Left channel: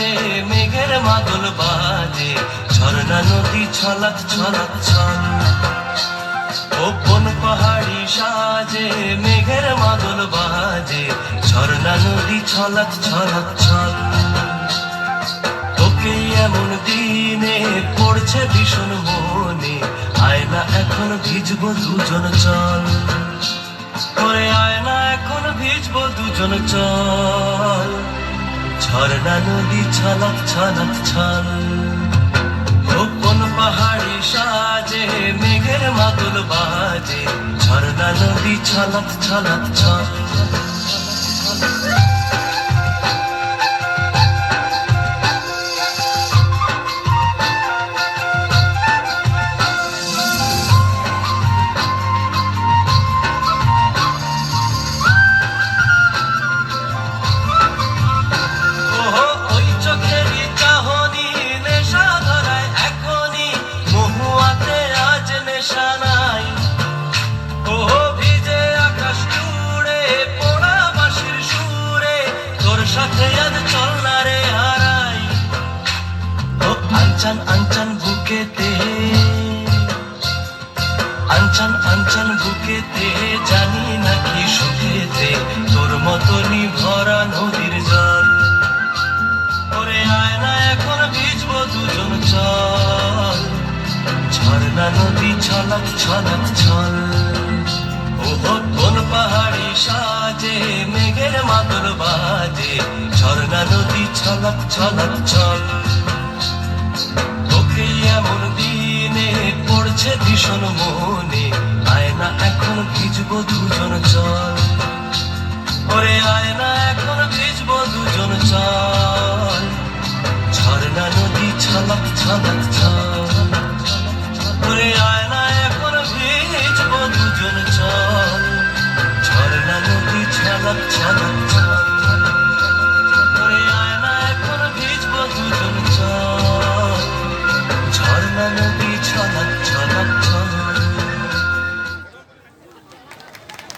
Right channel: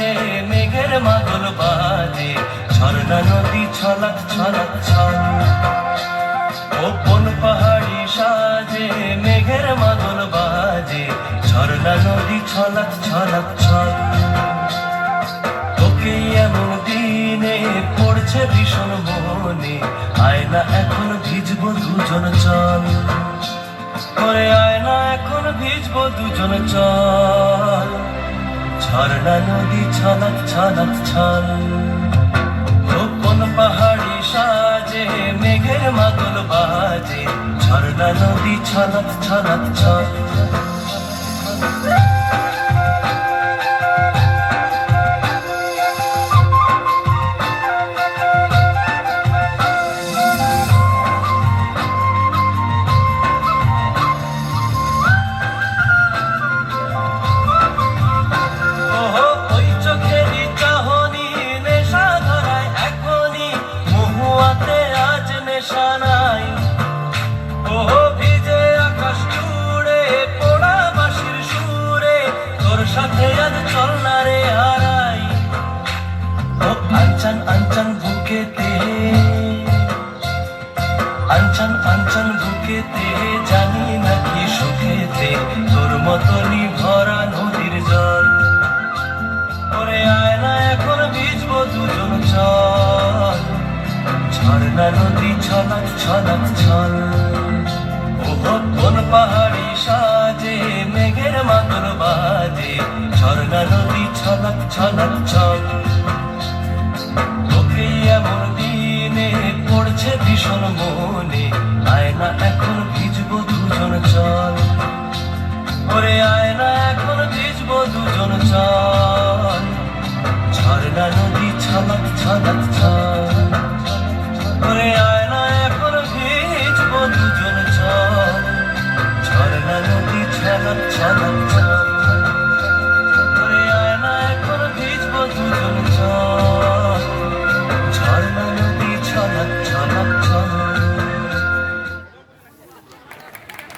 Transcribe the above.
সাজে মেঘের মাদল বাজে, ঝর্ণা নদী ছলাক ছলাক ছল। ও কোন পাহাড়ি সাজে মেঘের মাদল বাজে, ঝর্ণা নদী ছলাক ছলাক ছল। তোকে এমন দিনে পড়ছে ভীষণ মনে, আয় না এখন ভিজবো দুজন চল। ওরে আয় না এখন ভিজবো দুজন চল, ঝর্ণা নদী ছলাক ছলাক ছল। ও কোন পাহাড়ি সাজে মেঘের মাদল বাজে, ঝর্ণা নদী ছলাক ছলাক ছল। আঞ্চন আঞ্চন বুকেতে, আঞ্চন আঞ্চন বুকেতে, জানি নাকি সুখেতে তোর মতনই ভরা নদীর জল। ওরে আয় না এখন ভিজবো দুজন চল, ঝর্ণা নদী ছলাক ছলাক ছল। ওহো কোন পাহাড়ি সাজে মেঘের মাদল বাজে, ঝর্ণা নদী ছলাক ছলাক ছল। তোকে এমন দিনে পড়ছে ভীষণ মন,